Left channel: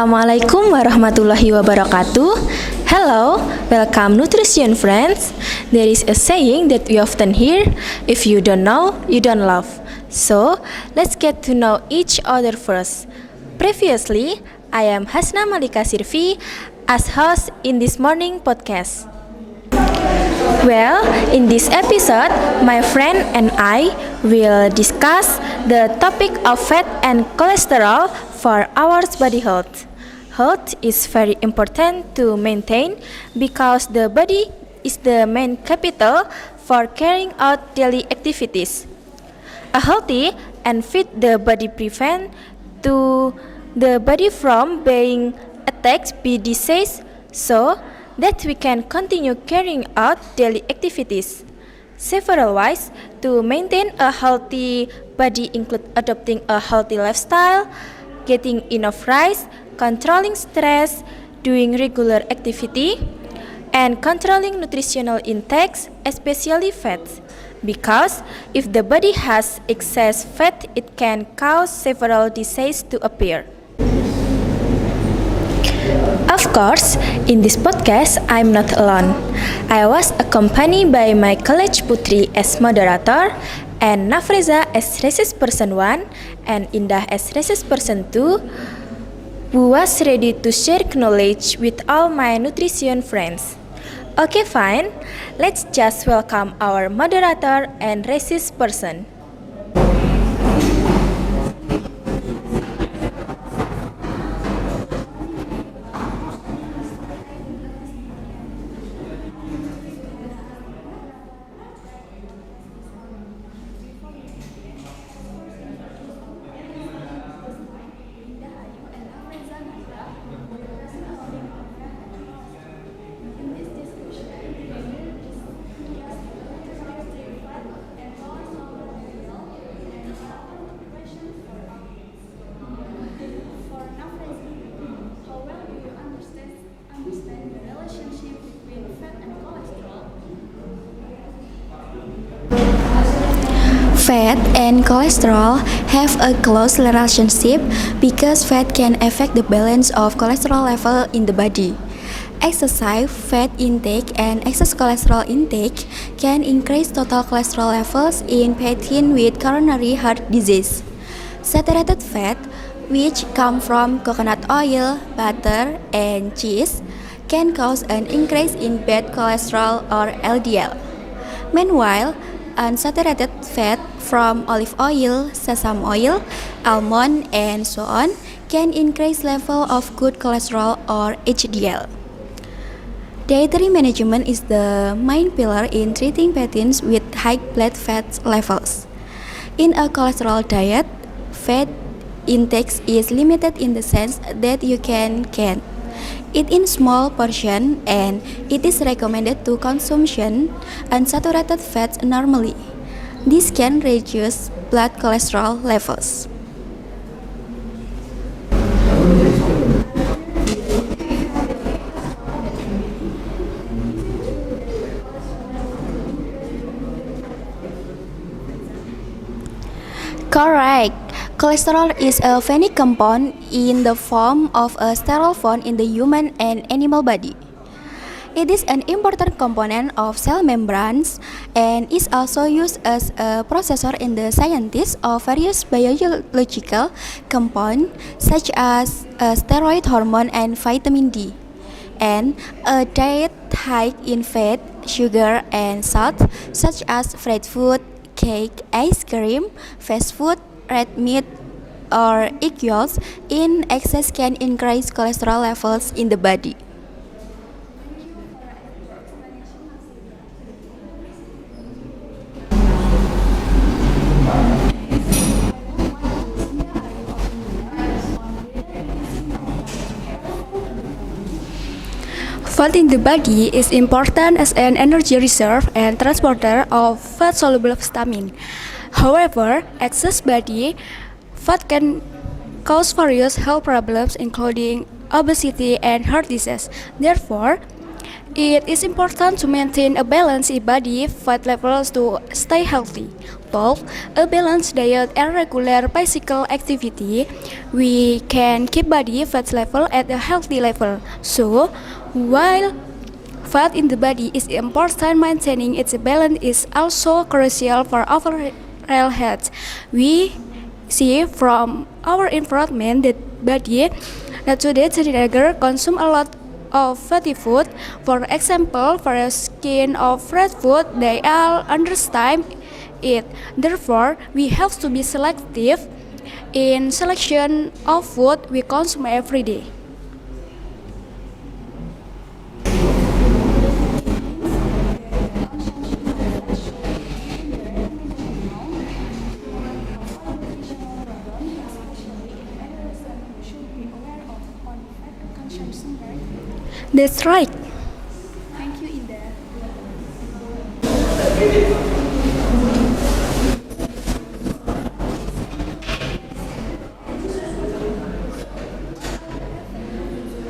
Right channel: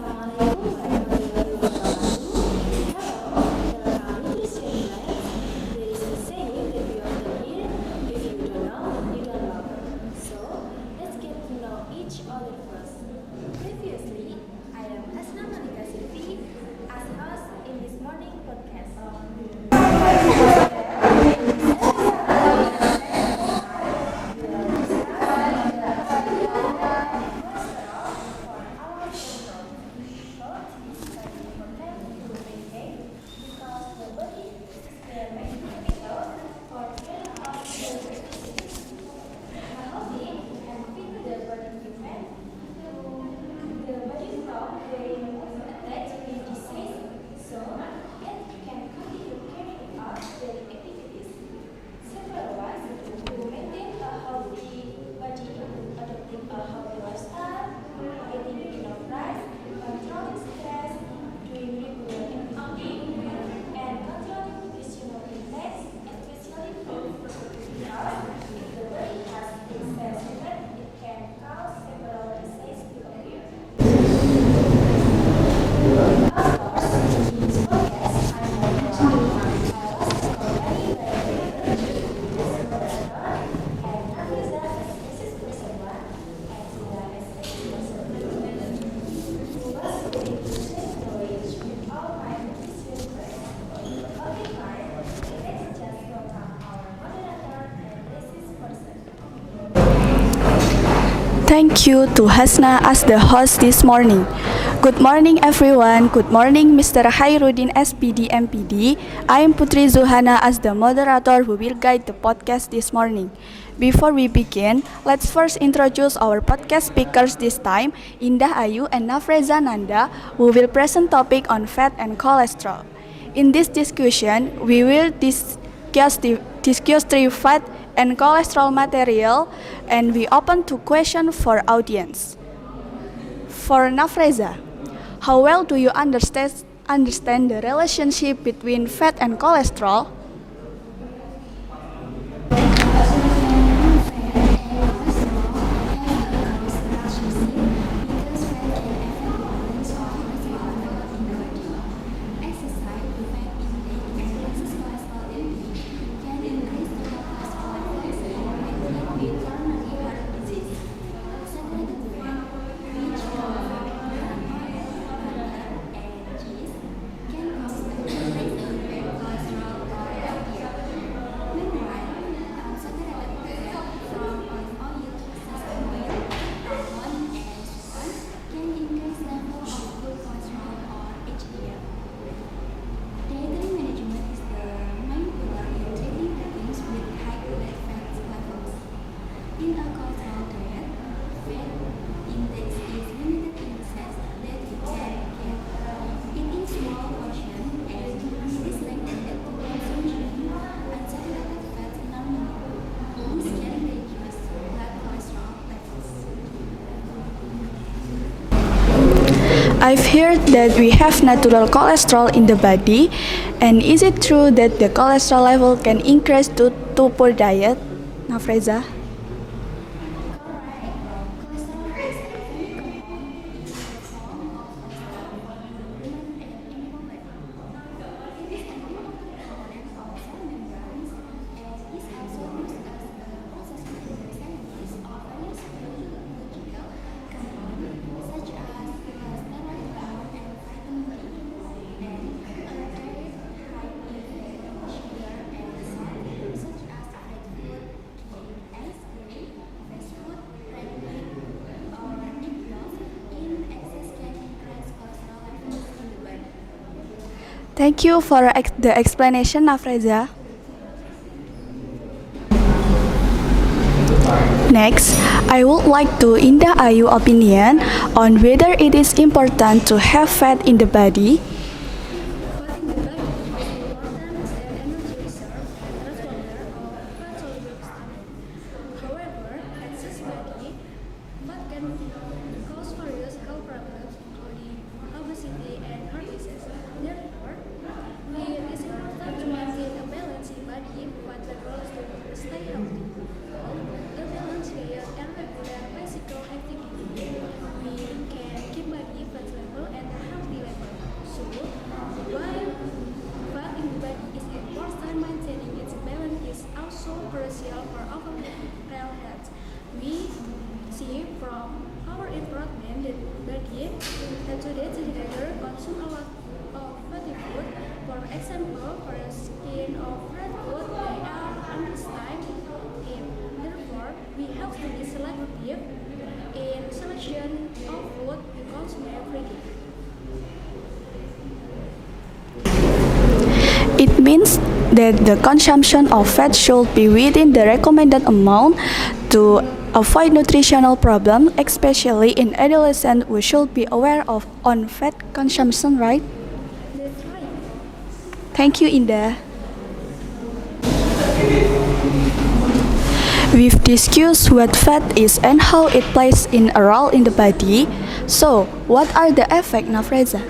Assalamualaikum warahmatullahi wabarakatuh. Hello, welcome nutrition friends. There is a saying that we often hear, if you don't know, you don't love. So, let's get to know each other first. Previously, I am Hasna Malika Sirfi as host in this morning podcast. Well, in this episode, my friend and I will discuss the topic of fat and cholesterol for our body health. Health is very important to maintain because the body is the main capital for carrying out daily activities. A healthy and fit the body prevent to the body from being attacked by disease, so that we can continue carrying out daily activities. Several ways to maintain a healthy body include adopting a healthy lifestyle, getting enough rest, controlling stress, doing regular activity, and controlling nutritional intakes, especially fats. Because if the body has excess fat, it can cause several diseases to appear. Of course, in this podcast, I'm not alone. I was accompanied by my college Putri as moderator, and Nafreza as research person 1, and Indah as research person 2, who was ready to share knowledge with all my nutrition friends. Okay, fine. Let's just welcome our moderator and research person. Thank you to Hasna as the host this morning. Good morning everyone. Good morning Mr. Khairuddin SPD MPD. I am Putri Zuhana as the moderator who will guide the podcast this morning. Before we begin, let's first introduce our podcast speakers this time, Indah Ayu and Nafreza Nanda, who will present topic on fat and cholesterol. In this discussion, we will discuss three fat and cholesterol material, and we open to question for audience. For Nafreza, how well do you understand the relationship between fat and cholesterol? Fat and cholesterol have a close relationship because fat can affect the balance of cholesterol level in the body. Excessive fat intake and excess cholesterol intake can increase total cholesterol levels in patients with coronary heart disease. Saturated fat, which come from coconut oil, butter, and cheese, can cause an increase in bad cholesterol or LDL. Meanwhile, unsaturated fat from olive oil, sesame oil, almond, and so on can increase level of good cholesterol or HDL. Dietary management is the main pillar in treating patients with high blood fat levels. In a cholesterol diet, fat intake is limited in the sense that you can eat in small portion, and it is recommended to consumption unsaturated fats normally. This can reduce blood cholesterol levels. I've heard that we have natural cholesterol in the body, and is it true that the cholesterol level can increase due to poor diet? Nafreza? Correct. Cholesterol is a fatty compound in the form of a sterol bond in the human and animal body. It is an important component of cell membranes and is also used as a processor in the synthesis of various biological compounds such as steroid hormone and vitamin D. And a diet high in fat, sugar, and salt such as fried food, cake, ice cream, fast food, red meat, or egg yolks in excess can increase cholesterol levels in the body. Thank you for the explanation, Nafreza. Next, I would like to Indah Ayu opinion on whether it is important to have fat in the body. Fat in the body is important as an energy reserve and transporter of fat-soluble vitamin. However, excess body fat can cause various health problems including obesity and heart disease. Therefore, It is important to maintain a balance in body fat levels to stay healthy. Both a balanced diet and regular physical activity, we can keep body fat level at a healthy level. So, while fat in the body is important, maintaining its balance is also crucial for overall health. We see from our environment that body that today teenagers consume a lot of fatty food. For example, for a skin of red food, they all understand it. Therefore, we have to be selective in selection of food we consume every day. It means that the consumption of fat should be within the recommended amount to avoid nutritional problems, especially in adolescents. We should be aware of on fat consumption, right? That's right. Thank you, Indah. We've discussed what fat is and how it plays in a role in the body. So, what are the effects, Nafreza?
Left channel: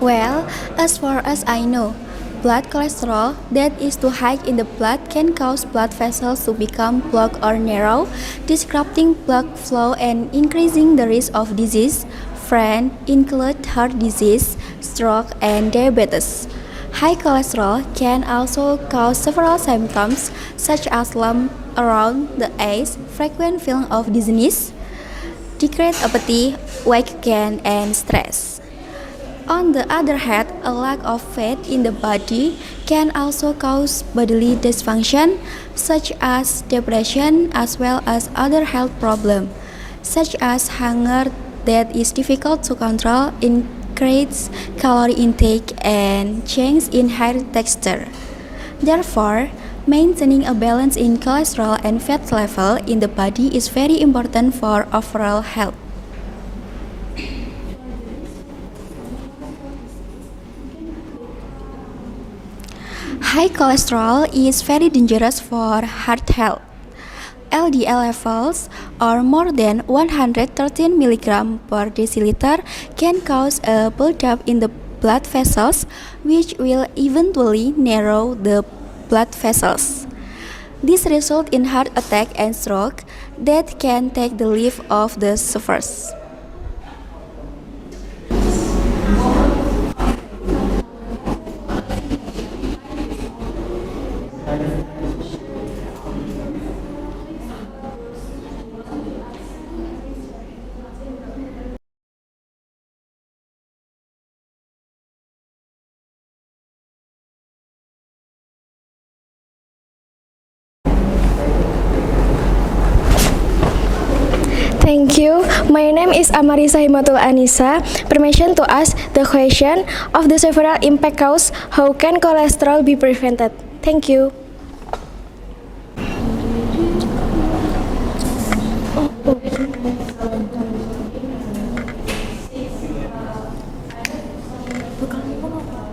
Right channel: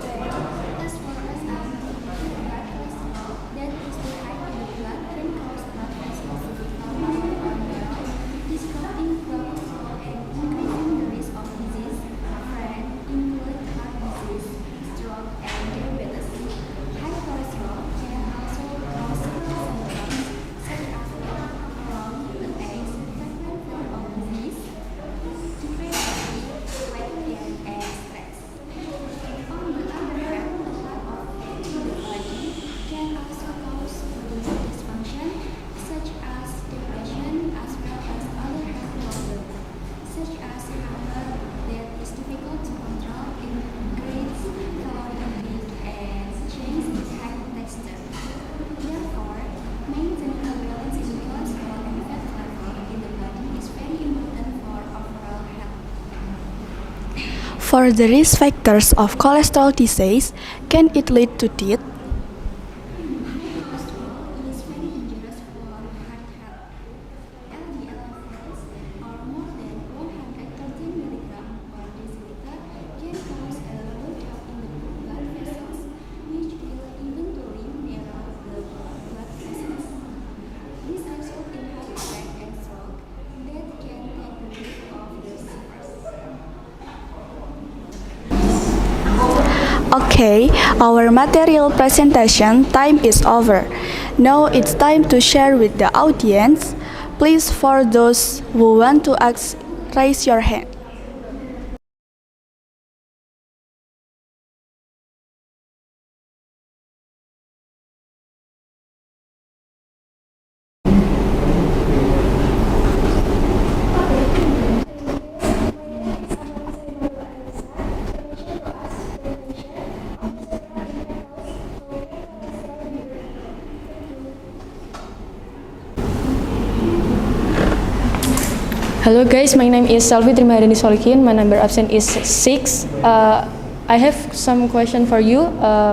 Well, as far as I know, blood cholesterol that is too high in the blood can cause blood vessels to become blocked or narrow, disrupting blood flow and increasing the risk of disease. Friends include heart disease, stroke, and diabetes. High cholesterol can also cause several symptoms such as lump around the eyes, frequent feeling of dizziness, decreased appetite, weight gain, and stress. On the other hand, a lack of fat in the body can also cause bodily dysfunction such as depression as well as other health problems such as hunger that is difficult to control, increased calorie intake, and change in hair texture. Therefore, maintaining a balance in cholesterol and fat level in the body is very important for overall health. For the risk factors of cholesterol disease, can it lead to death? High cholesterol is very dangerous for heart health. LDL levels or more than 113 mg per deciliter can cause a buildup in the blood vessels, which will eventually narrow the blood vessels. This results in heart attack and stroke that can take the life of the sufferers. Okay, our material presentation time is over. Now it's time to share with the audience. Please, for those who want to ask, raise your hand. Thank you. My name is Amarisa Himatul Anissa. Permission to ask the question of the several impact cause. How can cholesterol be prevented? Thank you. Hello guys, my name is Salvi Trimadani Solikin. My number absent is 6. I have some question for you.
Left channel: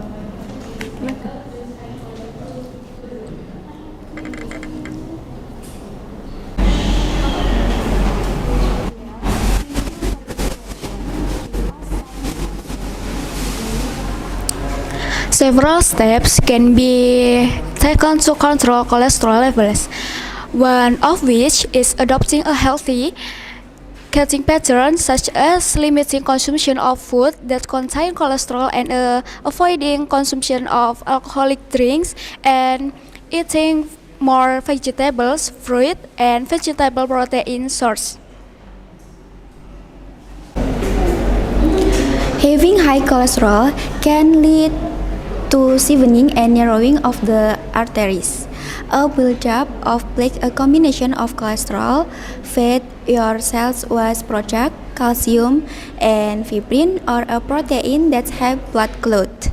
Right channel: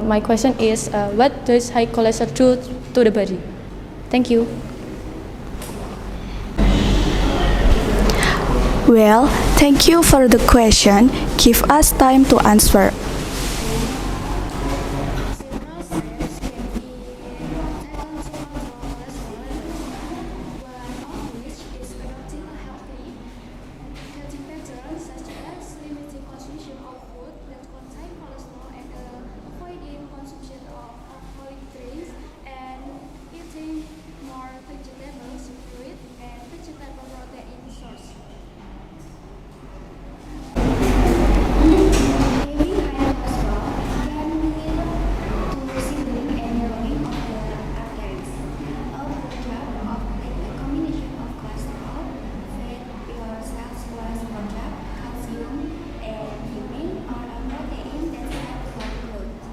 My question is, what does high cholesterol do to the body? Thank you. Well, thank you for the question. Give us time to answer. Several steps can be taken to control cholesterol levels, one of which is adopting a healthy eating pattern, such as limiting consumption of food that contain cholesterol and avoiding consumption of alcoholic drinks, and eating more vegetables, fruit, and vegetable protein source. Having high cholesterol can lead to thickening and narrowing of the arteries. A buildup of plaque, a combination of cholesterol, fat, your cells was product, calcium, and fibrin, or a protein that have blood clot,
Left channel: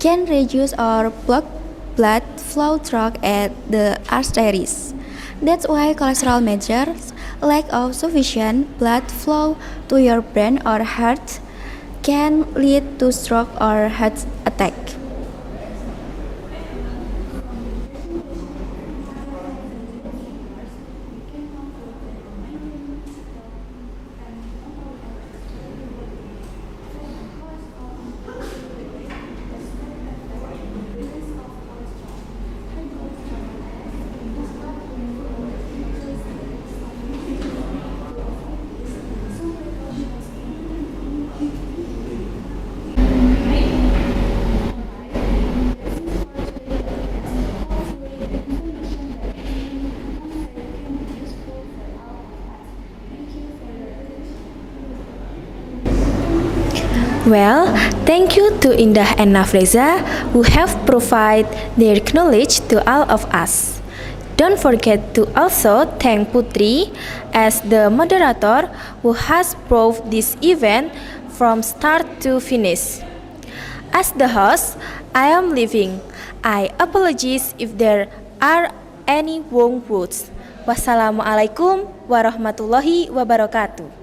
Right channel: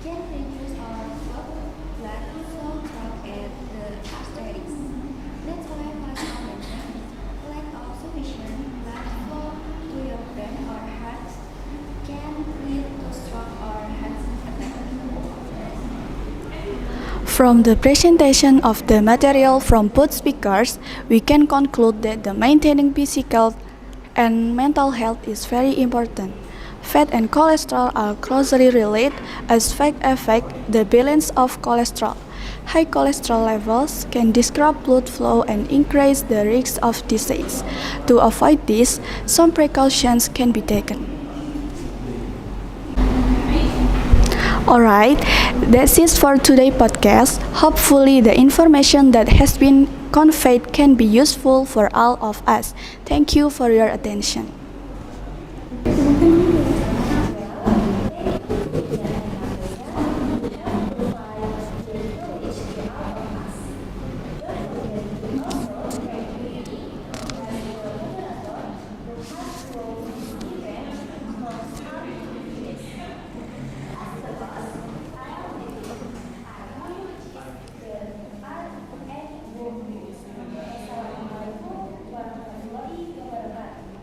can reduce or block blood flow through at the arteries. That's why cholesterol measures lack of sufficient blood flow to your brain or heart can lead to stroke or heart attack. From the presentation of the material from both speakers, we can conclude that the maintaining physical and mental health is very important. Fat and cholesterol are closely related as fat affect the balance of cholesterol. High cholesterol levels can disrupt blood flow and increase the risk of disease. To avoid this, some precautions can be taken. Alright, that's it for today's podcast. Hopefully the information that has been conveyed can be useful for all of us. Thank you for your attention. Well, thank you to Indah and Nafreza who have provided their knowledge to all of us. Don't forget to also thank Putri as the moderator who has brought this event from start to finish. As the host, I am leaving. I apologize if there are any wrong words. Wassalamualaikum warahmatullahi wabarakatuh.